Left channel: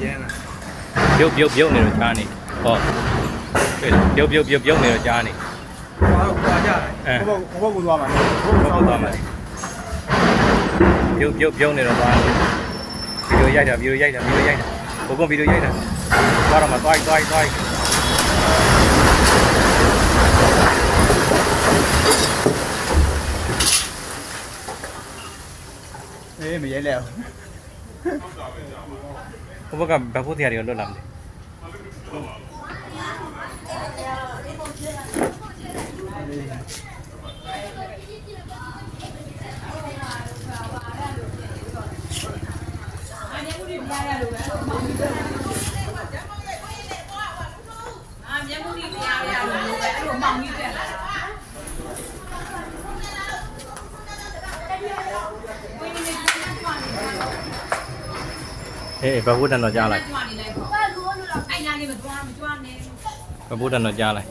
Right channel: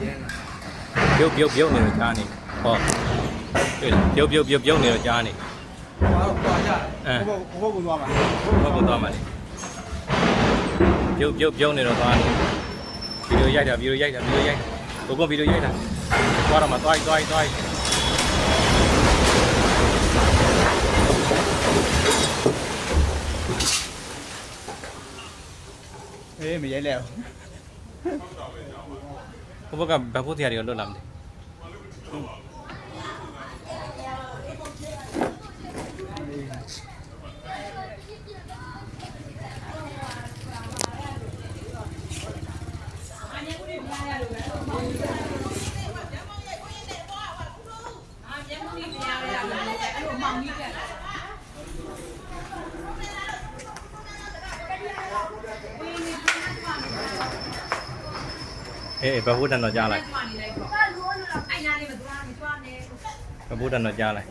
ပြုတ်နေတော့ကြားနေဟောပြုတ်နေတော့ကြားနေ ဘာကြလဲဘုဘကူသွားမှာသွားမှာပြုတ်နေတော့သွားဗီဒီယိုရိုက်တာဘုကုန်းဗီဒီယိုရိုက်တာသွားတော့မှသွားမရဲလဲဘုကဘာဖို့တရားတွေလွတ်လာမလဲဘာဖို့တန်တော့ကြားလိုက်ဘာဖို့တန်တော့ကြားလိုက်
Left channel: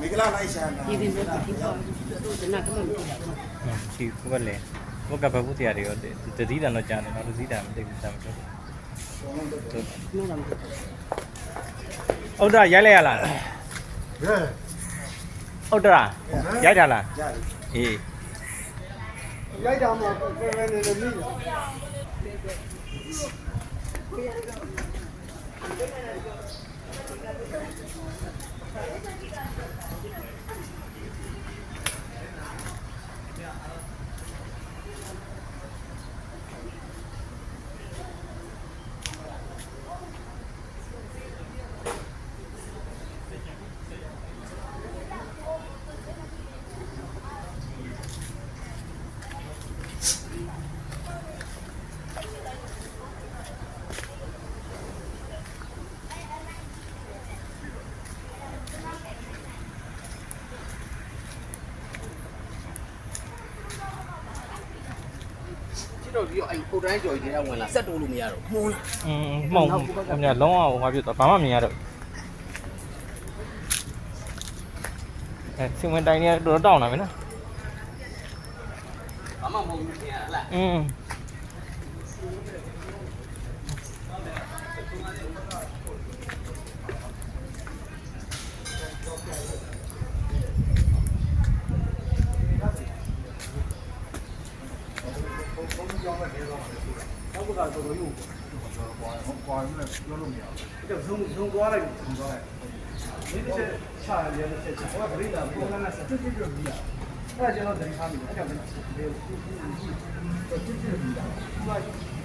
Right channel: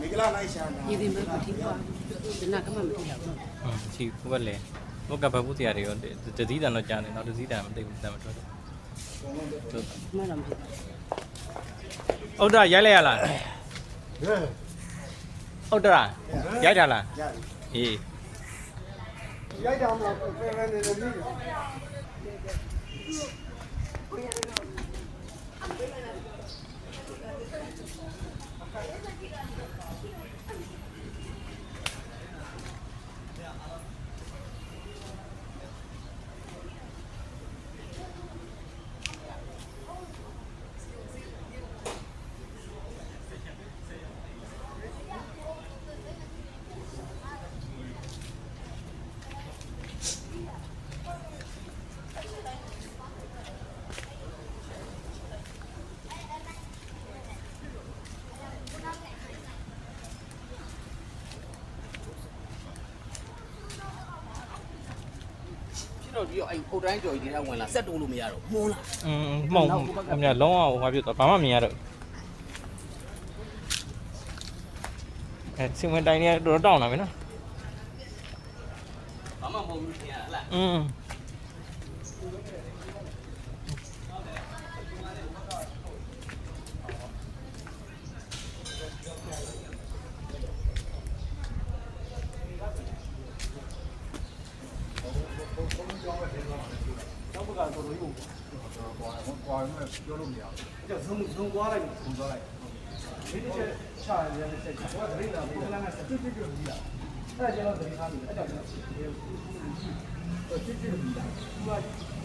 မိကလာလိုက်ရှာတာဒီတင်တော့ချီဘတ်လေဟုတ်ကဘာဖို့တရားတွေတစည်းတန်တော့ကြားနေမှာတစည်းတန်မသိဘူးစမ်းဟုတ်တာရိုက်လိုက်ရလားဟုတ်တာရိုက်တာလားအေးရိုက်တာမှာပဲနေနေမိလားတော့ပြီးတော့အဲ့ဟိုတိုင်းကြော်ကြီးတွေကဝင်လာဆက်တိုးလို့မရတော့မှုန်းလားမှောင်ခင်ဗျာလုံးအောင်ဟောပြတော့ဘာမှမမြင်ရတော့စင်ဝင်တိုင်းနေတော့တောင်းလာမယ်နော်ဘာမှမဟုတ်ဘူးညာလားဆုံးသွားလိုက်ဒီတစ်ချက်ချရတယ်တစ်ချက်ချဟောဒိဋ္ဌာပုံစံကစတွတ်ပြီးပြီးတာအဲ့ဒါကျွန်တော်ဒိဋ္ဌာမိအဲ့ဒါကို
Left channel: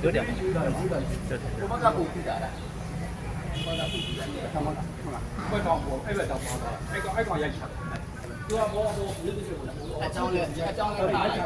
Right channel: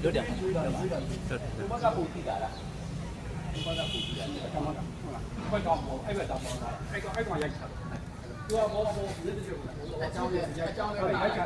တို့တယ်ဘမကပူပြီးတာလားဘမကပူပြီးတာကမကဟုတ်လားဘက်တော့အဲ့ဘက်တော့ပါအဲ့ကောင်ရိုက်ချတယ်သူကဘောမြစ်တစ်ချက်ကိုအကြောင်းလဲတားချ